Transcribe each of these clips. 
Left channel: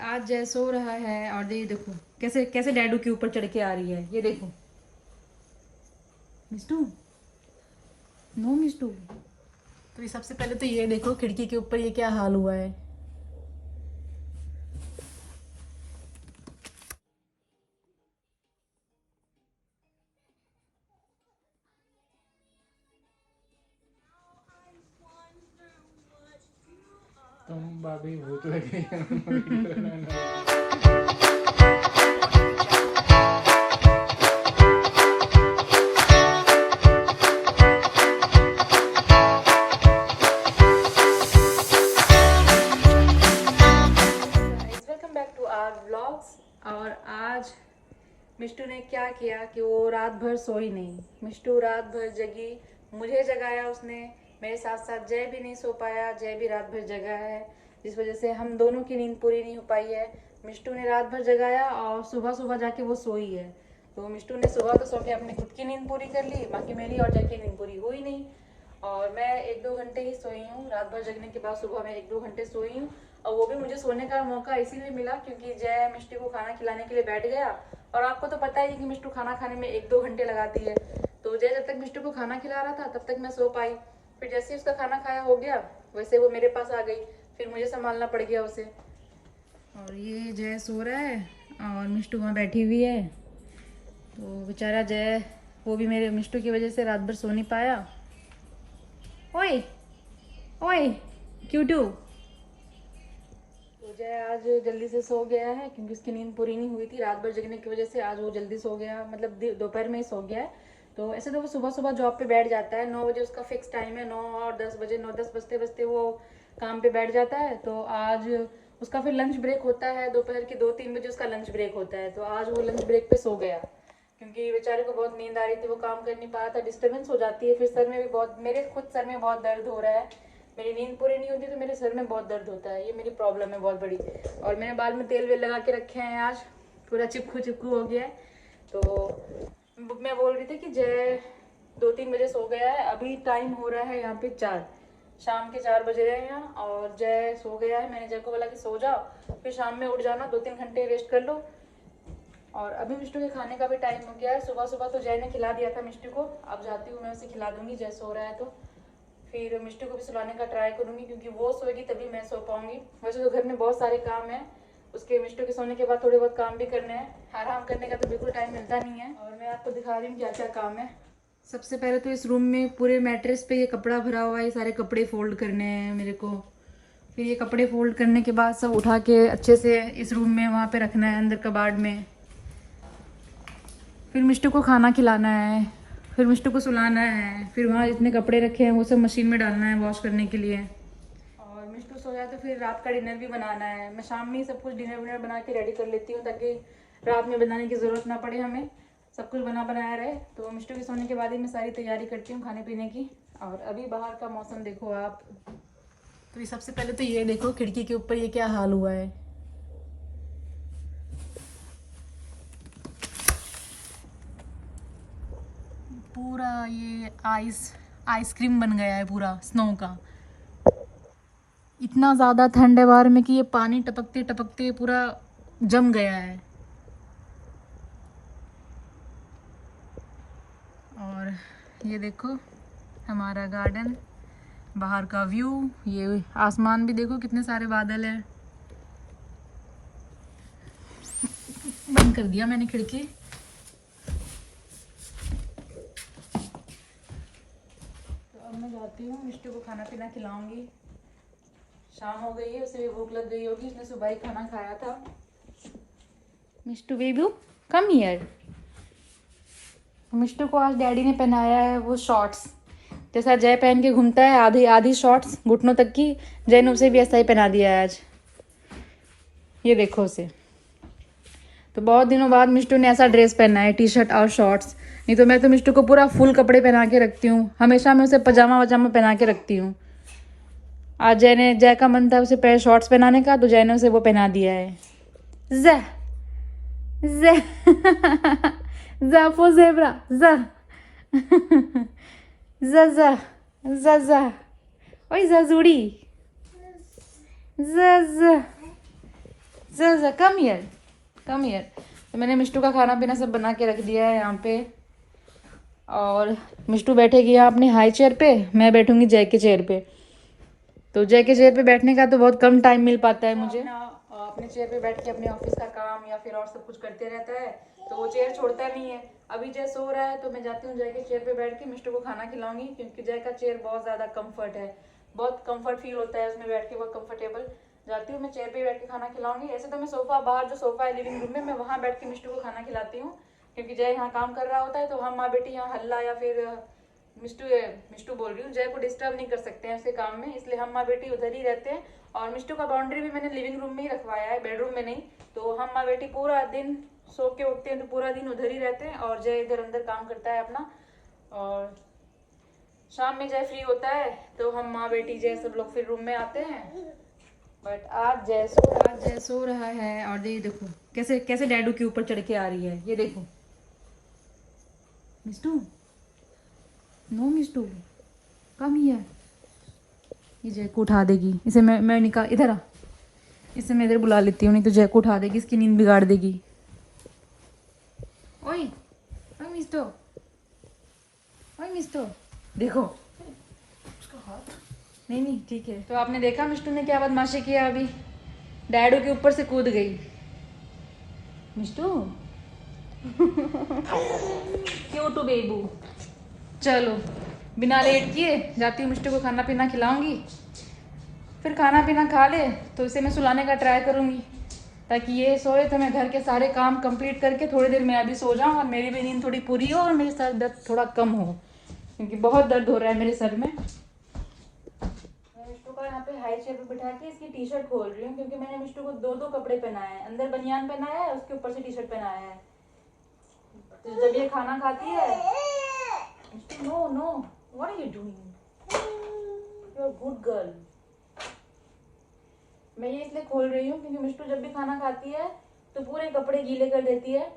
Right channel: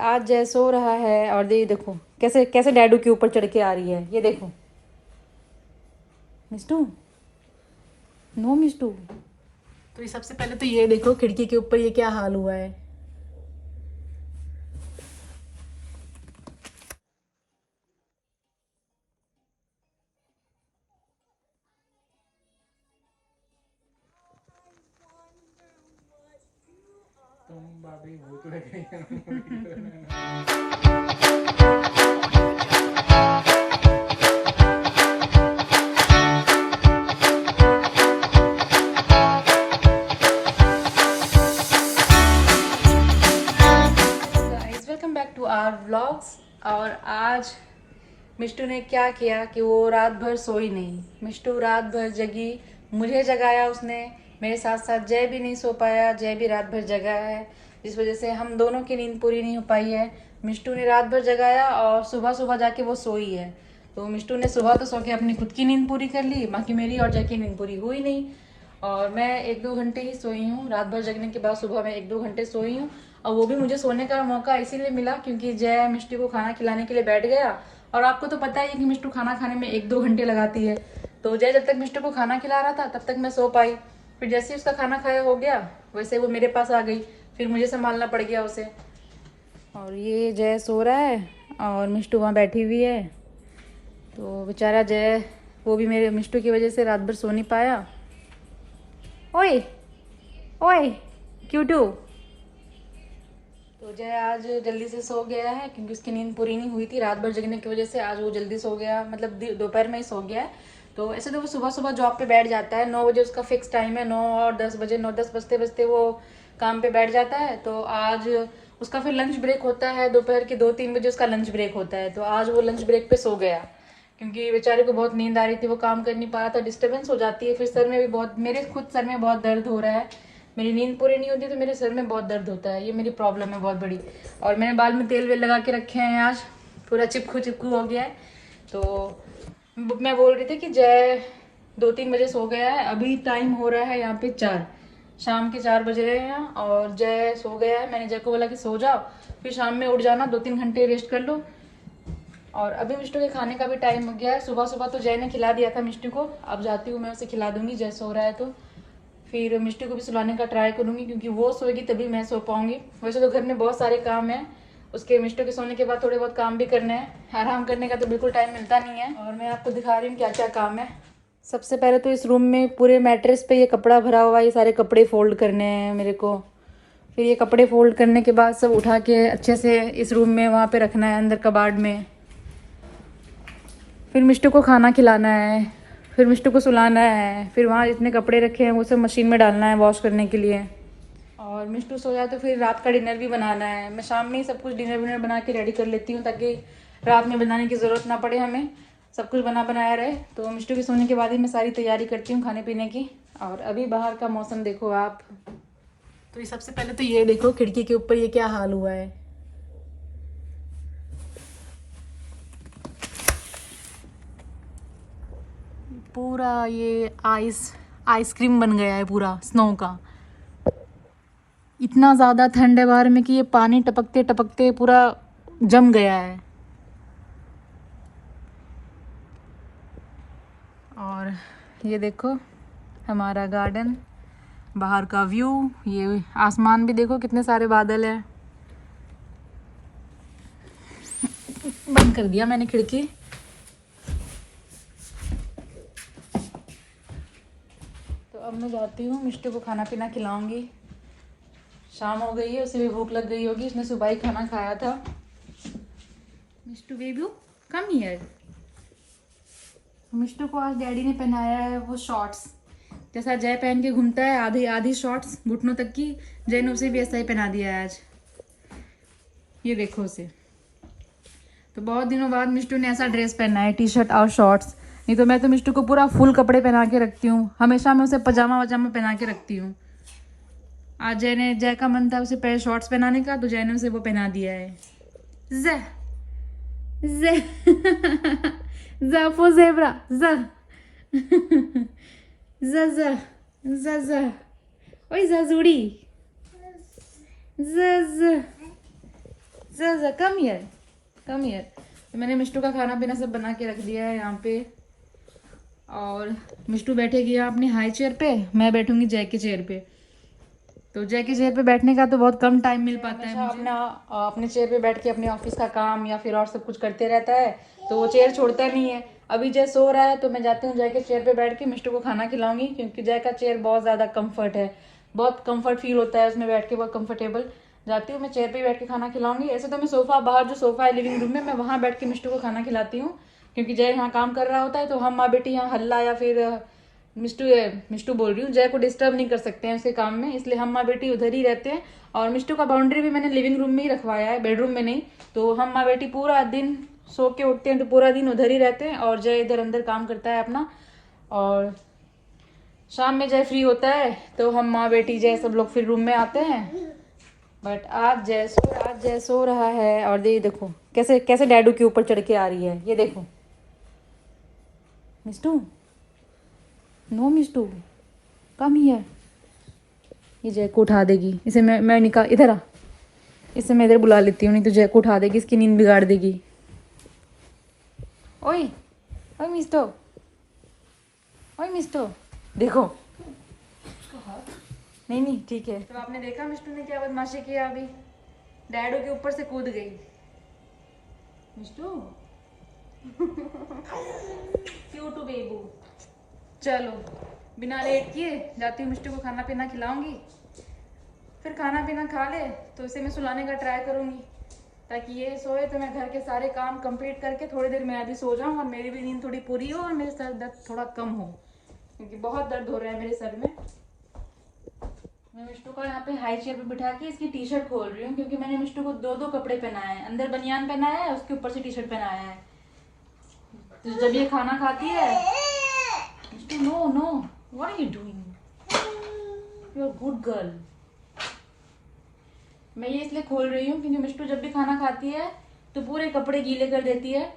आज जय सो रहा है और देखो कैसे कैसे डैडू के ऊपर चढ़ के आ रही है। ये देखो मिस्टू, नो मिस्टू। तो ये सबसे पहले तो ये देखो खिड़की के ऊपर ये क्या हाल हुआ है। तुम भाभी भूत लगे welcome back to our vlogs. और आज मिष्टू ने क्या किया कि वो रात भर सोई नहीं। मिष्टू रात भर जगी, मुझे जगाया उसने, मेरे साथ साथ जय भी नहीं सो पाया। जय भी रात भर जगा है, जिस वजह से हम दोनों की नींद पूरी नहीं हो पाई है। मिष्टू ने रात भर जगाया और सुबह सुबह जाके वो सोई है। तो मिष्टू ने सुबह तो सो के अपनी खुद की नींद पूरी कर ली, बाकी मेरी और जय की नींद पूरी हुई नहीं। और मैं 1-2 घंटे ही सोई हूँ। रात भर जगने के बाद सुबह मैं 1-2 घंटे सोई हूँ। और वो भी मुझे सोने का मौका इसीलिए मिला क्योंकि जय मिष्टू को खाना खिलाने के लिए बैठ गया। और आपको तो पता ही है कि मिष्टू खाना खाने में 1-2 घंटे लगाती है। तो जय जब तक मिष्टू को खाना खिला रहा था तब तक मैं सो पाई। फिर जैसे ही उसका खाना खाया हो गया वैसे वो मेरे पास आ गई, फिर मुझे संभालना पड़ गया उसे। और ये जय सो रहा है और मिष्टू वहाँ बैठी हुई है। तो बेचारा जय, वो भी मेरे मिष्टू की वजह से रात भर सो नहीं पाया। ओए ओए क्यूटू। तो जय आज जल्दी से सो गया है क्योंकि उसकी नींद पूरी नहीं हुई थी रात भर जगने की वजह से। आज वो जल्दी सो गया, मतलब दोपहर में ही सो गया है। तो ऐसे तो वो सुबह सुबह जॉब पे बैठ जाता है, 9 बजे उसका फिक्स टाइम है। 9 और 10 बजे, 9-10 बजते बजते वो काम पे बैठ जाता है। तो आज उसका फिर लंच ब्रेक होता है, दोपहर के 2-3 बजे उसका लंच ब्रेक होता है। तो आज वो लंच ब्रेक पे सो गया क्योंकि बेचारे को बहुत नींद आ रही थी, वो काम कर नहीं पा रहा था, डिस्टर्बेंस हो जाती है। फिर सर में भी बहुत, मेरे खुद सर में बहुत दर्द हो रहा है। मेरी नींद पूरी नहीं होती तो मेरे सर में बहुत दर्द होता है, ये मेरी प्रॉब्लम है बहुत बड़ी। और मैंने बाल में तेल वेल लगा के रखे हैं, आज पूरा चिपकू चिपकू हो गया है। तो मैं बोल रही थी कि जय 2-3 बजे सो गया है। अभी टाइम हो रहा है यहाँ पे 4, शाम के 4 बज रहे हैं और जय सो गया है। मैंने जय को बोला कि सो जाओ, फिर शाम में उठ जाना, 2-3 घंटे रेस्ट कर लो। और अभी मिष्टू के खाने का भी टाइम हो गया है। सुबह सुबह तो जय ने खिला दिया था मिष्टू को, अब जाती हूँ मैं उसे खिला दूंगी। जय सो रहा है तो फिर मिष्टू को भी सुलाने का ट्राई करूंगी क्योंकि वो सोएगी तभी मैं सो पाऊंगी। वैसे तो घर में बहुत सारे काम हैं, उसके मिष्टू के सोने के बाद थोड़े बहुत काम भी करने हैं। आराम करने का तो बिल्कुल टाइम मिलता नहीं है। और मैं आपको दिखा रही हूँ क्या क्या काम है। सबसे पहले तो इस रूम में पूरे मैट्रेस पे ये कपड़ा भरा हुआ है, ये सारे कपड़े फोल्ड करने हैं मेरे को। फिर ये कपड़े फोल्ड करने के बाद सब उठा के अच्छे से इस रूम में वहाँ पे रखना है, अंदर कबाड़ में। फिर मिष्टू को खाना खिलाना है, फिर मिष्टू को सुलाना है, फिर वहाँ जितने कपड़े रखे हैं वो सब मशीन में डालना है वॉश करने के लिए। और मिष्टू सो जाए तो फिर रात का डिनर भी बनाना है। मैं शाम में ही सब कुछ डिनर विनर बना के रेडी कर लेती हूँ ताकि रात में बनाने की ज़रूरत ना पड़े, हमें सब कुछ बना बनाया रहे। तो मिष्टू के सोने के बाद ही मैं सारी तैयारी करती हूँ खाने पीने की। और अभी बाहर का मौसम देखो आप। तो ये सबसे पहले तो ये देखो खिड़की के ऊपर ये क्या हाल हुआ है। पूरा ये आइसक्रीम बन गया है पूरा स्नो का। इतना ज़्यादा ठंड है बाहर में कि ये पानी टपकते टपकते पूरा जम गया है। और ये देखो हमारा गार्डन, बाहर का व्यू, ये आसमान भी देखो कितने सारे बादल हैं। बंद कर दिया मैंने खिड़की। तो अब मैं जाती हूँ, मिष्टू को खाना पीना खिलाऊंगी। शाम हो गई है, उसे भी भूख लग गई होगी, उसने सुबह ही खाना खाया था। Mishtu Bebu come here. मिष्टू को आज डैडी ने पहनाया है वो शॉर्ट्स, जैसा जय पहन के घूमता है, आधी आधी शॉर्ट्स घुटनों तक की। जय ने उसे भी ऐसा ही पहना दिया है आज, ये देखो उसे। तो बहुत दिनों बाद मिष्टू ने ऐसा ड्रेस पहना है, टी शर्ट और शॉर्ट्स। नहीं तो मैं तो मिष्टू को पूरा फुल कपड़े पहना के रखती हूँ, हमेशा मैं उसे पजामा वजामा पहना के रखती हूँ। आज जय का मन था उसे पैर शॉर्ट्स पहनाने का, तो जय ने उसे वो पहना दिया है। ज़ ज़ ज़ फॉर ज़ेब्रा, ज़ ज़ ज़ ज़ ज़ ओए ज़ ज़ूड़ी, ज़ ज़ sir come here, come here. तो मैंने मिष्टू का खाना पीना सब बना के रख दिया है यहाँ पे, और मिष्टू बैठेगी यहाँ अपने हाई चेयर पे, मैं बैठूंगी जय के चेयर पे। तो जय के चेयर पे बैठने का तो बहुत कम टाइम मिल पाता है मुझे। अपने चेयर पे बैठ के अपने ऑफिस का काम या फिर और सब कुछ करते रहता है, तो वो चेयर छोड़ता नहीं है। अभी जय सो रहा है तो मैं जाती हूँ जय के चेयर पे बैठ के मिष्टू को खाना खिलाऊंगी, क्योंकि जय का चेयर बहुत ज़्यादा कम्फर्ट है, बहुत कम्फर्ट फील होता है उसमें बैठ के, बहुत कम्फर्टेबल। जाती हूँ मैं चेयर पे बैठ के खाना खिलाऊंगी। ऐसे तो मैं सोफा, बाहर जो सोफा है लिविंग रूम में, मैं वहाँ बैठ के मिष्टू को खाना खिलाती हूँ, क्योंकि जय यहाँ काम कर रहा होता है, तो हम माँ बेटी यहाँ हल्ला या फिर मिष्टू मिष्टू बोल रही हूँ, जय को डिस्टर्ब नहीं कर सकते हैं उसके काम में, इसलिए हम माँ बेटी उधर ही रहते हैं। और मिष्टू का बाउंड्री भी मैंने लिविंग रूम में ही रखवाया है, बेडरूम में नहीं। तो हम माँ बेटी पूरा दिन सो के उठते हैं तो पूरा दिन उधर ही रहते हैं, और जय इधर अंदर काम करता है अपना। और शाम में जय फ्री होता है तो हम माँ बेटी जय सब लोग फिर रूम में आते हैं। बट आज जय सो रहा है, और देखो कैसे कैसे डैडू के ऊपर चढ़ के आ रही है, ये देखो। Mishtu, no Mishtu, come here. ये जय को उठा देगी, इसे मैं निकाल, इधर आ, इसे मैं इधर बुला लेती हूँ, नहीं तो जय को उठा देगी, इसकी नींद बिगाड़ देगी। ओए ओए मिस्टो, ओए मिस्टो, देखो नहीं नहीं ठीक है। तो आपने देखा मिष्टू ने क्या बदमाशी किया, अभी डैडू के ऊपर से कूद गई। मिष्टू क्यूट बेबू। चलो बिना लेट किए जाती हूँ, मिष्टू को खाना पीना खिलाऊंगी, फिर खाना पीना खा ले तो इसे मैं सुलाने का ट्राई करूंगी, ताकि ये सोए तो मैं घर के सारे काम कंप्लीट करके थोड़ी देर में अभी सो जाऊँ, और मेरी भी नींद थोड़ी पूरी हो और मेरे सर दर्द थोड़ा कम हो, क्योंकि बहुत दर्द हो रहा है मेरे सर में। मैं मिष्टू को यहाँ पे हाई चेयर पे बिठा के इसकी टी शर्ट खोल रही हूँ, क्योंकि मैंने मिष्टू को दो दो कपड़े पहनाए हैं, अंदर बनियान पहनाया है, उसके ऊपर से टी शर्ट पहनाया है। तो जब ये खाना खाती है, Mishtu no no, what are you doing, you are good girl. मैं ये इसलिए खोल रही हूँ क्योंकि मिष्टू जब भी खाना खाती है तो पूरे कपड़े गीले कर देती है,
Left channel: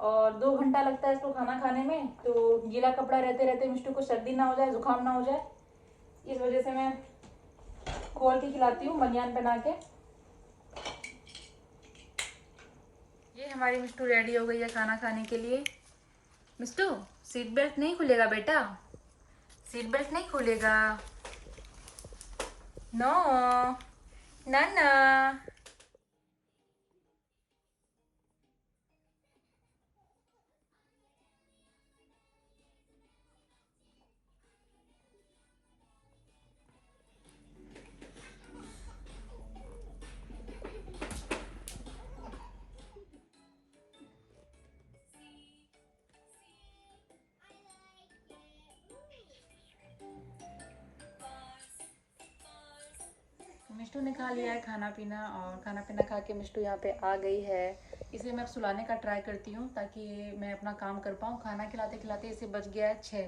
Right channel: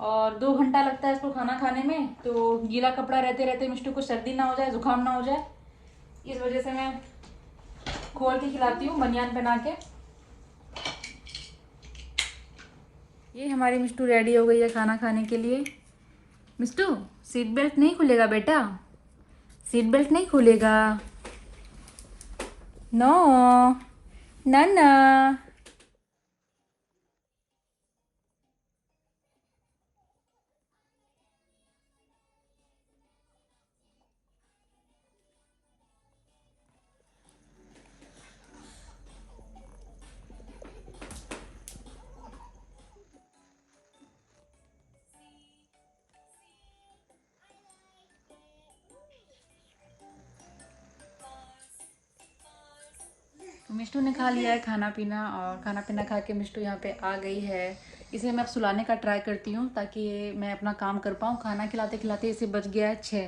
और 2 घंटा लगता है इसको खाना खाने में, तो गीला कपड़ा रहते रहते मिष्टू को सर्दी ना हो जाए, जुकाम ना हो जाए, इस वजह से मैं खोल के खिलाती हूँ बनियान पहना के। ये हमारी मिष्टू रेडी हो गई है खाना खाने के लिए। मिष्टू सीट बेल्ट नहीं खुलेगा बेटा, सीट बेल्ट नहीं खुलेगा, नो ना ना। मिष्टू ने खा लिया है खाना पीना, और खाना पीना खा के मिष्टू यहाँ पे आ गई है। इसे मैं अब सुलाने का ट्राई करती हूँ ताकि मैं अपना काम कर पाऊँ। खाना खिलाते खिलाते इसे बज गया है 6,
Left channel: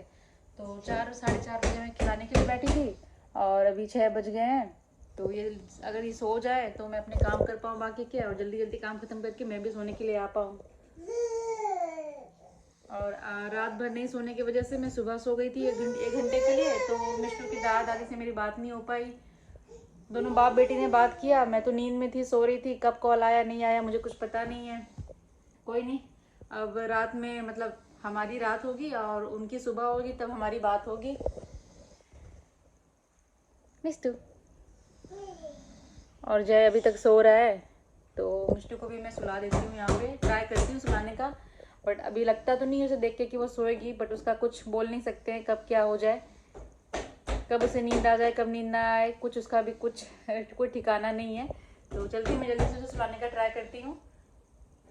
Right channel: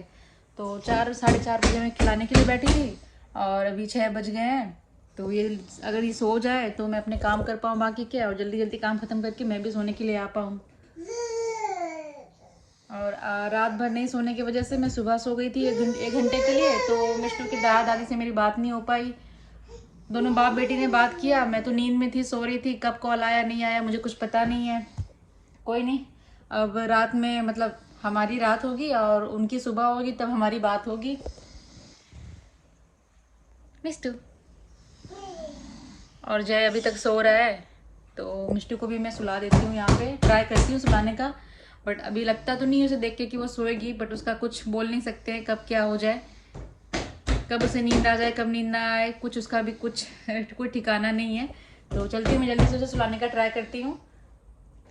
तो 4 साढ़े 4 बजे मैं खिलाने के लिए बैठी थी, और अभी 6 बज गए हैं। तो ये अगर ये सो जाए तो मैं अपने काम कर पाऊँ बाकी के, और जल्दी जल्दी काम ख़त्म करके मैं भी सोने के लिए आ पाऊँ। और रात भर नहीं सोने की वजह से मैं सुबह सो गई थी 1 घंटे के लिए, तो मिष्टू की दादा दादी से मेरी बात नहीं हो पाई। दोनों बाप बेटी ने बात किया, मैं तो नींद में थी, सो रही थी, कब कॉल आया नहीं आया मुझे कुछ पता नहीं है। कोई नहीं, अब रात में मतलब हमारी रात होगी और उनकी सुबह होगी, तब हमारी बात होगी। मिष्टू और जय अभी तक सो रहा है, तो मिष्टू को भी मैं सुला देती हूँ, यहाँ पे ट्राई करती हूँ सुलाने का। बट अभी लगता तो नहीं है उसे देख के कि वो सोएगी, बट उसका कुछ बोल नहीं सकते हैं कब क्या हो जाए, कब उसे नींद आ जाए कब नींद ना आए, कुछ उसका भी कुछ कोई ठिकाना नहीं है। तो चलती हूँ मैं जल्दी से उसे सुलाने का ट्राई करती हूँ।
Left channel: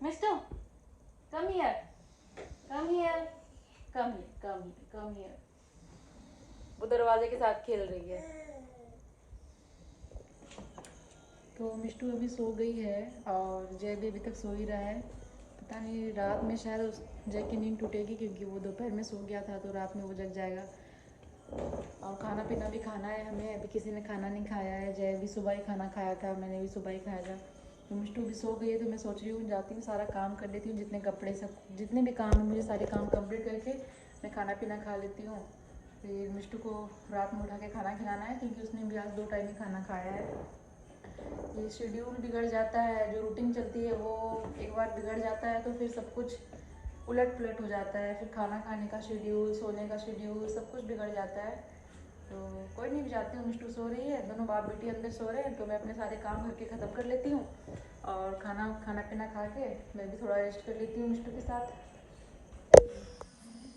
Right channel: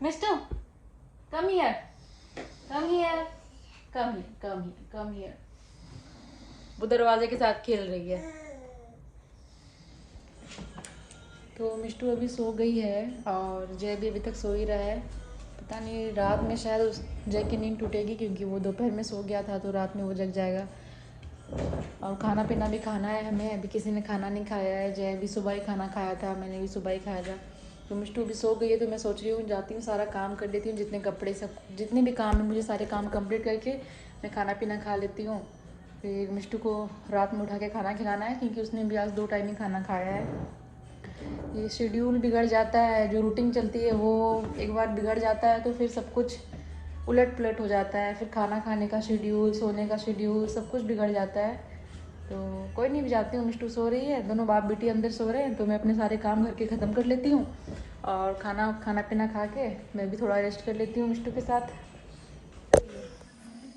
Mister come here, come here, come here, come here, come here. वो दरवाजे के साथ खेल रही है। तो मिष्टू अभी सो गई है और जय भी अभी तक सो ही रहा है। पता नहीं रात में शायद उस जय की नींद टूटेगी, क्योंकि वो दोपहर में सो गया था, तो रात में वो जग जाएगा। और खाना पीना भी खाना है हमें, अभी किसी ने खाना नहीं खाया है। जय भी सुबह ही खाना खाया था, मैंने भी सुबह ही खाया था। तो मिष्टू भी सो गई है, तो मैं सोच रही हूँ जाती हूँ सारा काम कर लेती हूँ, जितने कपड़े सब जितने भी काम है मुझे सारे काम कंप्लीट करके मैं खाना पीना खा लेती हूँ। फिर मिष्टू को रात में उठा के खाना खिलाना है, क्योंकि उसने भी आज 2 टाइम ही खाना खाया है। ये शेड्यूल बिगड़ जाता है, जो रूटीन चलती है वो एक बार बिगड़ जाता है तो फिर सब कुछ उलट पुलट हो जाता है। फिर खाना खाने का शेड्यूल, सोने का शेड्यूल, सब कुछ बिगड़ जाता है। तो कोई नहीं, जाती हूँ, मिष्टू सो रही है, दोनों बाप बेटी अंदर सो रहे हैं, तो मैं अपने सारे काम घर के ख़त्म कर लेती हूँ और खाना पीना खा के मैं भी थोड़ा रेस्ट कर लेती हूँ मिष्टू के साथ।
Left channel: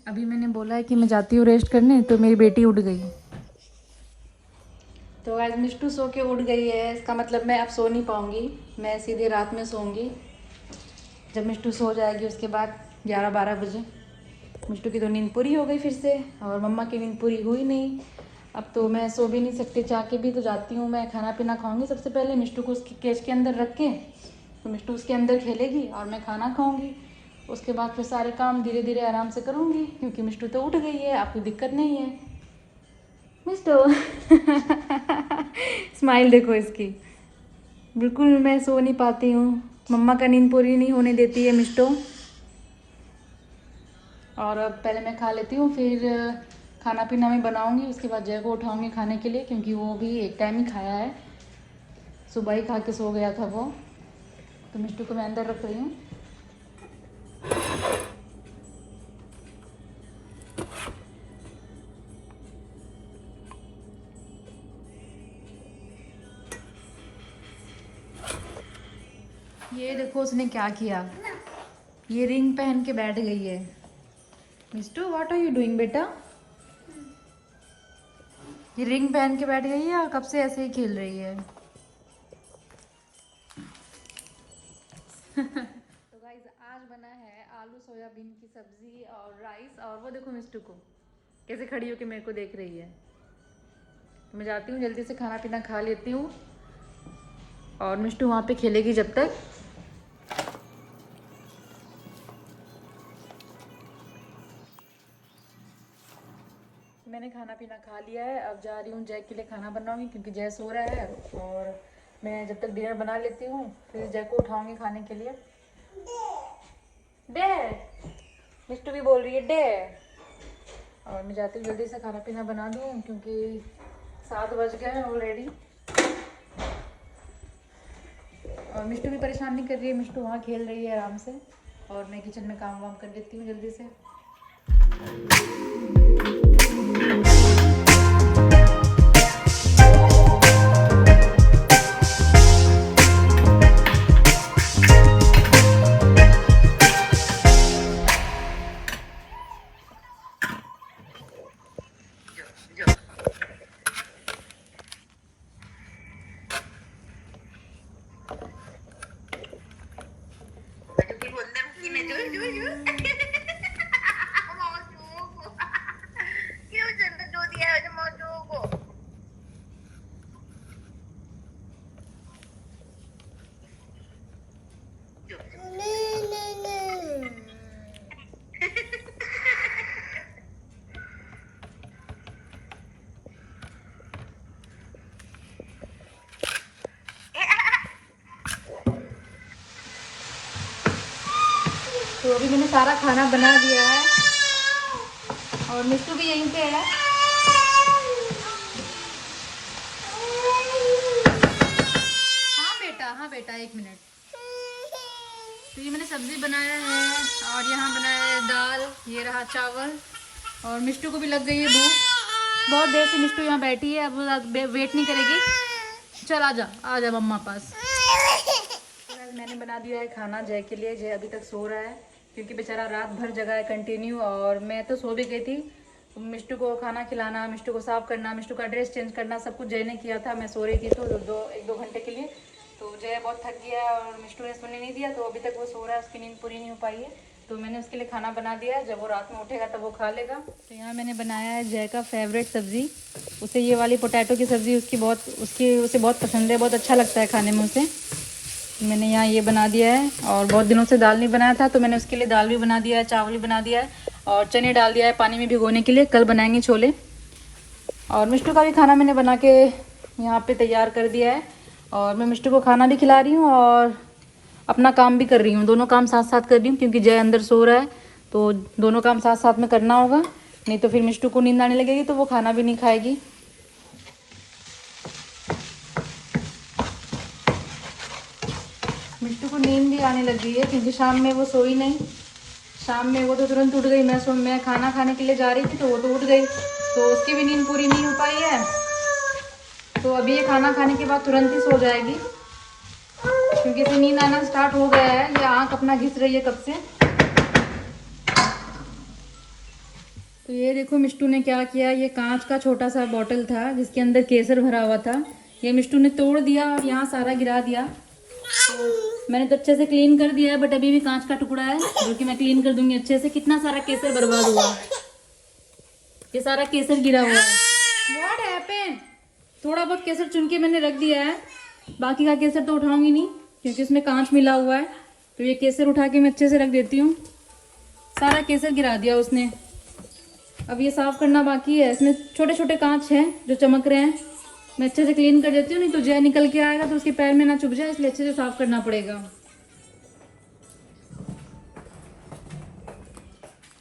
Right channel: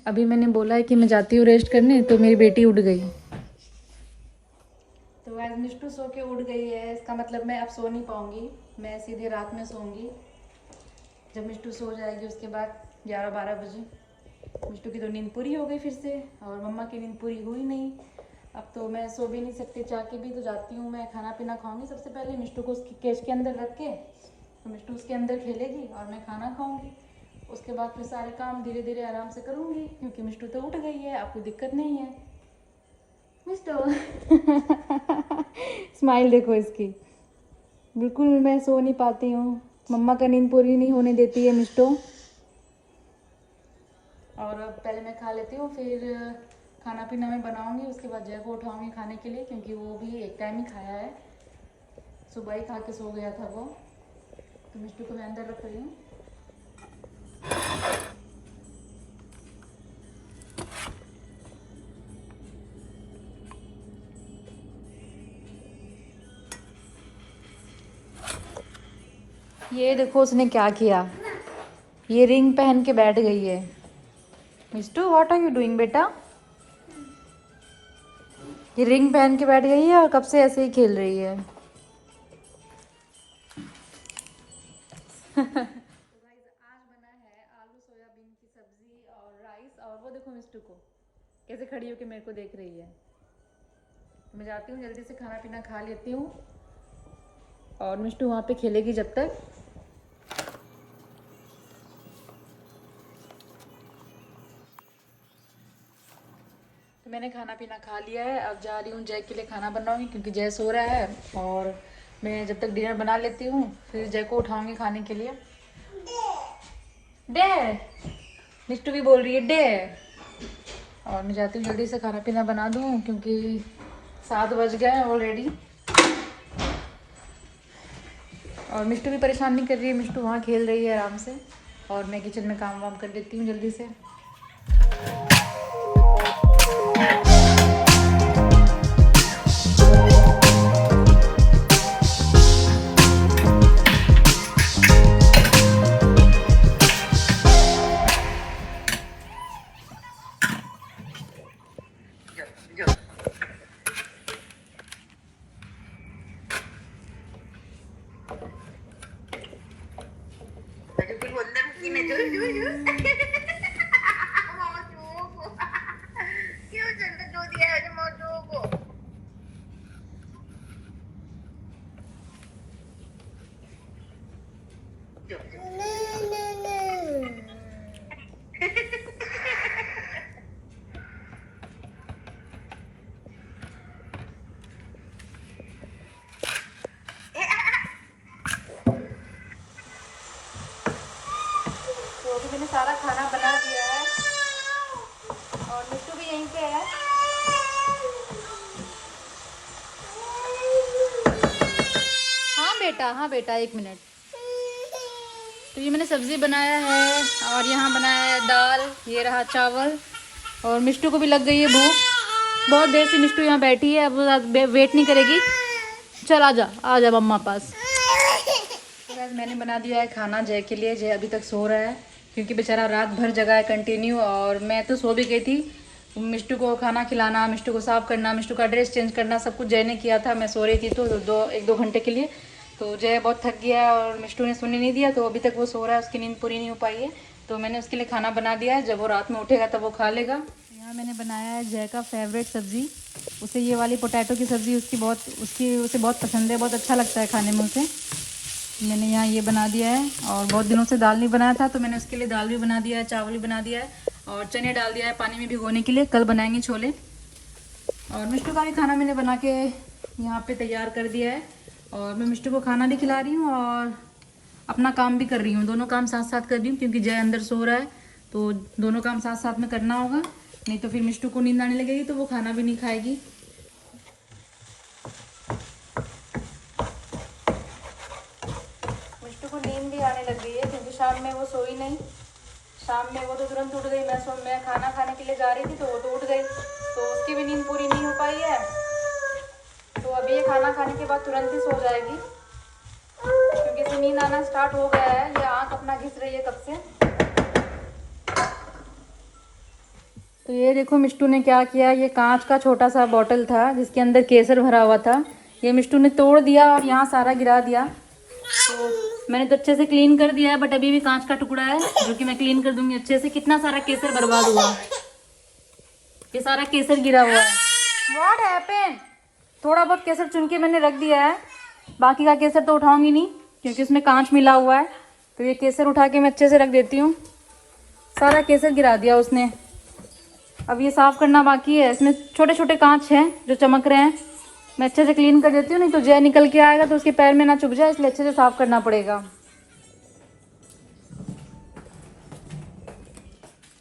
अभी मैंने बोला है कि मैं जाती हूँ रेस्ट करने, तो मेरी बेटी उठ गई। तो आज मिष्टू सो के उठ गई है, इसका मतलब मैं अब सो नहीं पाऊँगी, मैं सीधे रात में सोऊंगी। जब मिष्टू सो जाएगी उसके बाद 11-12 बजे। मिष्टू की तो नींद पूरी हो गई फिर से, और मम्मा की नींद पूरी हुई नहीं। अब तो मैं सो भी नहीं सकती, चाह के भी। तो जाती हूँ, मैं खाना पीना खाऊंगी सबसे पहले, मिष्टू को उसके केस के अंदर रख के, तो मिष्टू उसके अंदर खेलेगी और मैं खाना खाऊंगी। उसके बाद फिर सारे काम धीरे धीरे आराम से करूँगी, क्योंकि मिष्टू तो उठ गई है, आपको दिक्कत नहीं है। मिष्टू स्माइल देखो इसकी, बिल्कुल मैं सो नहीं पाती हूँ, मम्मा का नींद पूरी नहीं होने देती है मिष्टू। और अब पहले मैं खा लेती हूँ, फिर खाना पीना मैं बनाऊँगी, उसके बाद जय को उठाऊँगी खाने के लिए, क्योंकि वो भी एक टाइम ही खाया है, सुबह ही खा के सो गया था वो। तो मिष्टू को मैं अंदर रख रही हूँ। ये देखो उसने क्या किया, ये रिंग पहन के बैठ गई है। Mishtu what are you doing बेटा? ये रिंग पहन के बैठ गई है और कब से ऐसे ही खेल रही है। तो गाइस आज बना है आलू सोयाबीन की सब्जी और राइस, और वो देखो मिष्टू को कैसे खड़ी होकर मेरे को देख रही है। मैं जाती हूँ, जल्दी से खाना पीना खा लेती हूँ, और मिष्टू वहाँ पे खेलेगी जब तक। तो मैंने खाना पीना खा लिया है, अब जा रही हूँ जय के लिए खाना बनाऊंगी, क्योंकि जय सो रहा है, और मैं जब तक डिनर बना लेती हूँ फिर जय को उठाऊंगी खाने के लिए। डे मिष्टू भी बोल रही है डे। और मैं जाती हूँ जल्दी से खाना पीना बना दूँ, क्योंकि 7 बज गए हैं ऑलरेडी। और मिष्टू भी परेशान नहीं कर रही है, मिष्टू वहाँ खेल रही है आराम से, और मैं किचन में काम वाम कर देती हूँ जल्दी से। तो अभी मैंने सारा खाना बना दिया है, और मिष्टू भी यहीं पे है। हाँ बेटा 1 मिनट। तो ये मैंने सब्जी बनाया है, और यहाँ बनाया है दाल, ये रहा चावल, और मिष्टू को भी लग गई है भूख। बहुत देर से मिष्टू यहाँ बैठी है, अब वेट नहीं करेगी। चल आजा मम्मा पास। मैंने बना दिया है खाना जय के लिए। जय अभी तक सो रहा है, क्योंकि बेचारा रात भर जगा है कंटिन्यू, और मैं तो सो भी गई थी। मिष्टू को खाना खिलाना, मिष्टू को साफ करना, मिष्टू का ड्रेस चेंज करना, सब कुछ जय ने किया था। मैं सो रही थी तो 1-2 घंटे के लिए। तो जय बहुत थक गया और मिष्टू ने सोने नहीं दिया, तो अभी तक वो सो रहा है, उसकी नींद पूरी नहीं हो पाई है। तो मैंने उसके लिए खाना बना दिया है, जब वो रात में उठेगा तब वो खा लेगा। तो यहाँ मैंने बनाया है जय का फेवरेट सब्ज़ी। उसे ये वाली पोटैटो की सब्ज़ी उसे बहुत पसंद है, बहुत अच्छा लगता है खाने में उसे। मैंने यहाँ ये बना दिया है, और बहुत दिनों से दाल नहीं बनाया था, तो मैंने उसके लिए दाल भी बना दिया है, चावल भी बना दिया है, और चने डाल दिया है पानी में भिगोने के लिए, कल बनाएंगे छोले। और मिष्टू का भी खाना मैंने बना के यहाँ पे तैयार कर दिया है, और मैं मिष्टू को खाना भी खिला रही हूँ और अपना काम भी कर रही हूँ। दोनों काम साथ साथ कर रही हूँ, क्योंकि जय अंदर सो रहा है, तो दोनों काम साथ साथ में करना होगा, नहीं तो फिर मिष्टू को नींद आने लगेगी तो वो खाना भी नहीं खाएगी। आने लग गई है, क्योंकि शाम में वो सोई नहीं। शाम में वो तो तुरंत उठ गई। मैं खाना खाने के लिए जा रही थी तो वो तो उठ गई, तो उसकी भी नींद पूरी नहीं हो पाई है। तो अभी ये खाना खाने के बाद तुरंत ही सो जाएगी, क्योंकि इसे नींद आना स्टार्ट हो गया है। ये आँख अपना घिस रही है कब से। तो ये देखो मिष्टू ने क्या किया, ये कांच का छोटा सा बॉटल था जिसके अंदर केसर भरा हुआ था, ये मिष्टू ने तोड़ दिया और यहाँ सारा गिरा दिया। तो मैंने तो अच्छे से क्लीन कर दिया है, बट अभी भी कांच का टुकड़ा है जो कि मैं क्लीन कर दूंगी अच्छे से। कितना सारा केसर बर्बाद हुआ, ये सारा केसर गिरा हुआ है। What happened? थोड़ा बहुत केसर चुन के मैंने रख दिया है, बाकी का केसर तो उठाऊंगी नहीं क्योंकि उसमें कांच मिला हुआ है। तो ये केसर उठा के मैं अच्छे से रख देती हूँ। सारा केसर गिरा दिया उसने। अब ये साफ करना बाकी है, इसमें छोटे छोटे कांच हैं जो चमक रहे हैं। मैं अच्छे से क्लीन कर देती हूँ, नहीं तो जय निकल के आएगा तो उसके पैर में ना चुभ जाए, इसलिए अच्छे से साफ करना पड़ेगा।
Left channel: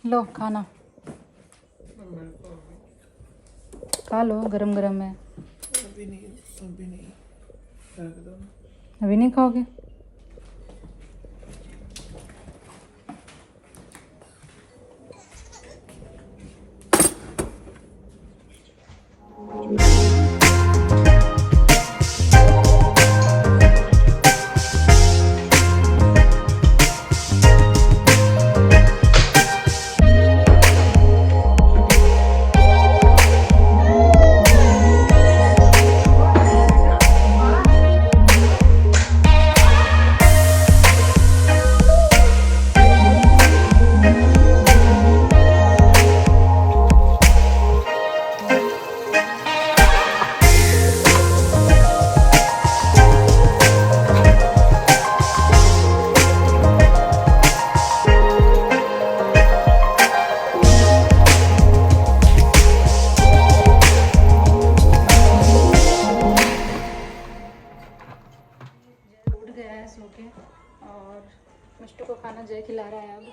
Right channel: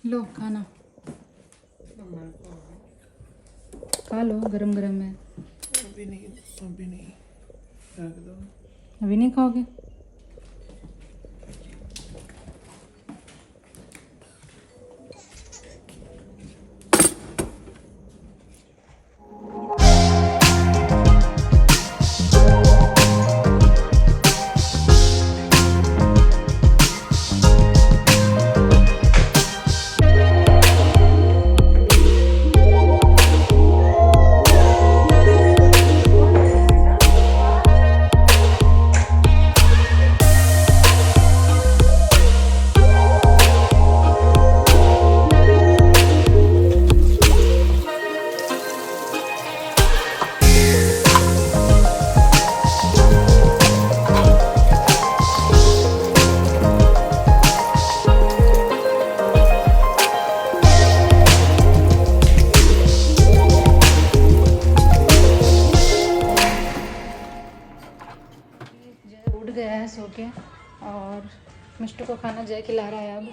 लो खाना खा लो, गरम गरम है। अभी नहीं रख दो। अभी नहीं खाओगे? उठ गया है सो के, और मिष्टू को खाना जय खिला रहा है। अब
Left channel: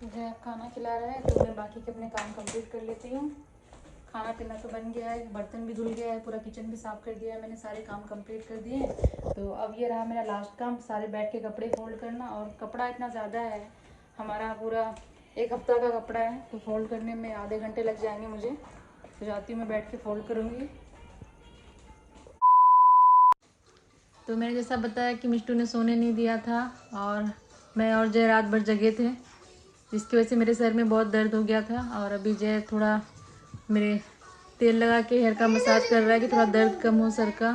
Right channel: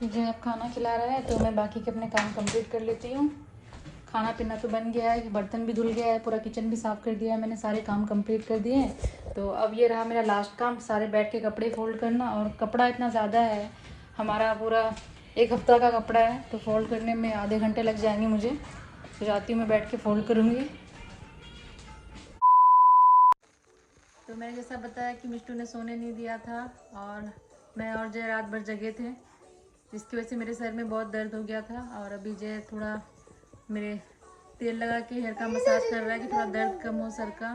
तो जय अब खाना खिला रहा है, तो मैं बाकी के अपने काम कंप्लीट कर लेती हूँ। खाना पीना तो बन गया है, बर्तन भी धुल गया है, पूरा किचन भी साफ़ कर दिया है मैंने, सारे काम कंप्लीट कर दिए हैं। तो अब ये रहा मेरा लास्ट काम, सारे बैठ के कपड़े फोल्ड करना। और कपड़ा इतना ज़्यादा है, हमारा पूरा 1 हफ्ता का कपड़ा है, तो फोल्ड करने में आधे घंटे लग जाएंगे मुझे। तो जाती हूँ मैं बैठ के फोल्ड करूँगी। तो मैंने जैसा बताया कि मिष्टू ने सोने नहीं दिया था, और मैं और जय रात भर जगे थे, जिसकी वजह से मेरे सर में बहुत दर्द हो गया था। और अभी जय थोड़ा मेरे तेल लगा के हेयर का मसाज कर रहा है कि थोड़ा दर्द कम हो सर का।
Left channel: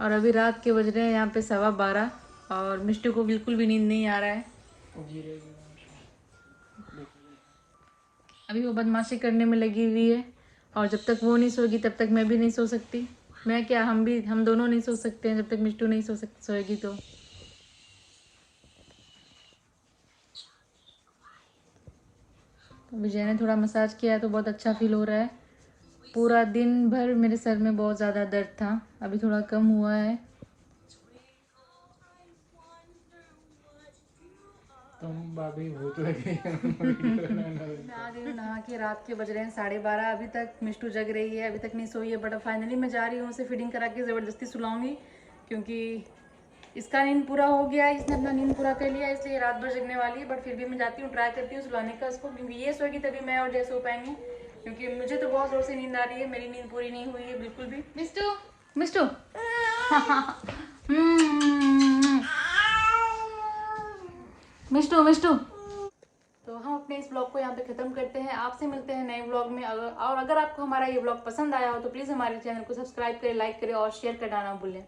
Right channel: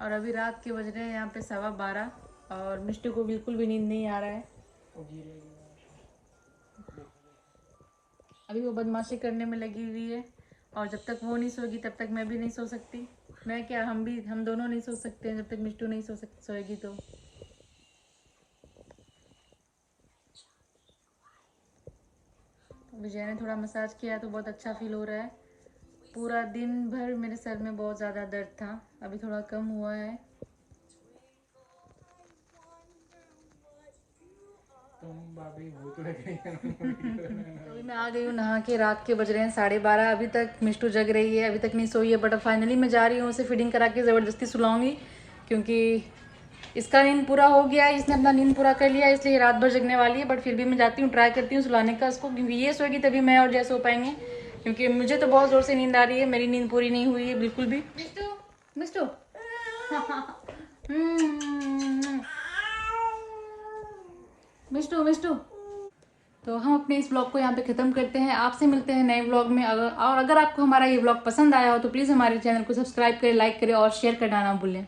और अभी रात के बज रहे हैं यहाँ पे 12:15, और मिष्टू को बिल्कुल भी नींद नहीं आ रहा है। अभी वो बदमाशी करने में लगी हुई है, और जब तक वो नहीं सोएगी तब तक मैं भी नहीं सो सकती। मैं क्या, हम दोनों नहीं सो सकते हैं जब तक मिष्टू नहीं सोएगी। तो विजय ने थोड़ा मसाज किया है तो बहुत अच्छा फील हो रहा है। पूरा दिन भर मेरे सर में बहुत ज़्यादा दर्द था, अभी थोड़ा कम हुआ है। तुम भाभी भूत लग गई। मैं आ गई हूँ नहा के, रात के बज रहे हैं 12:30। अभी तक मिष्टू जग रही है, अभी तक नहीं सोई है। बट अब फाइनली मैं जा रही हूँ उसे फीडिंग करा के ज़बरदस्ती सुलाऊंगी, क्योंकि इसका नींद पूरा हो गया है, इसने अपना नींद पूरा कर लिया है, इसलिए रात भर जगने वाली है। बट फिर भी मैं जाती हूँ, ट्राई करती हूँ सुलाने का इसको, क्योंकि ये सोएगी तभी मैं और जय सो पाएंगे, क्योंकि मुझे तो बहुत ज़ोर से नींद आ रही है। मेरी नींद पूरी नहीं हुई है बिल्कुल भी। मिष्टू मिष्टू मिष्टू मिष्टू। तो हम अपने इस ब्लॉग को यहाँ पे ख़त्म करते हैं। आपसे मिलते हैं नए ब्लॉग में। अगर आपको हमारा ये ब्लॉग पसंद आया हो तो प्लीज़ हमारे चैनल को सब्सक्राइब करें, लाइक करें और शेयर करना ना भूलें।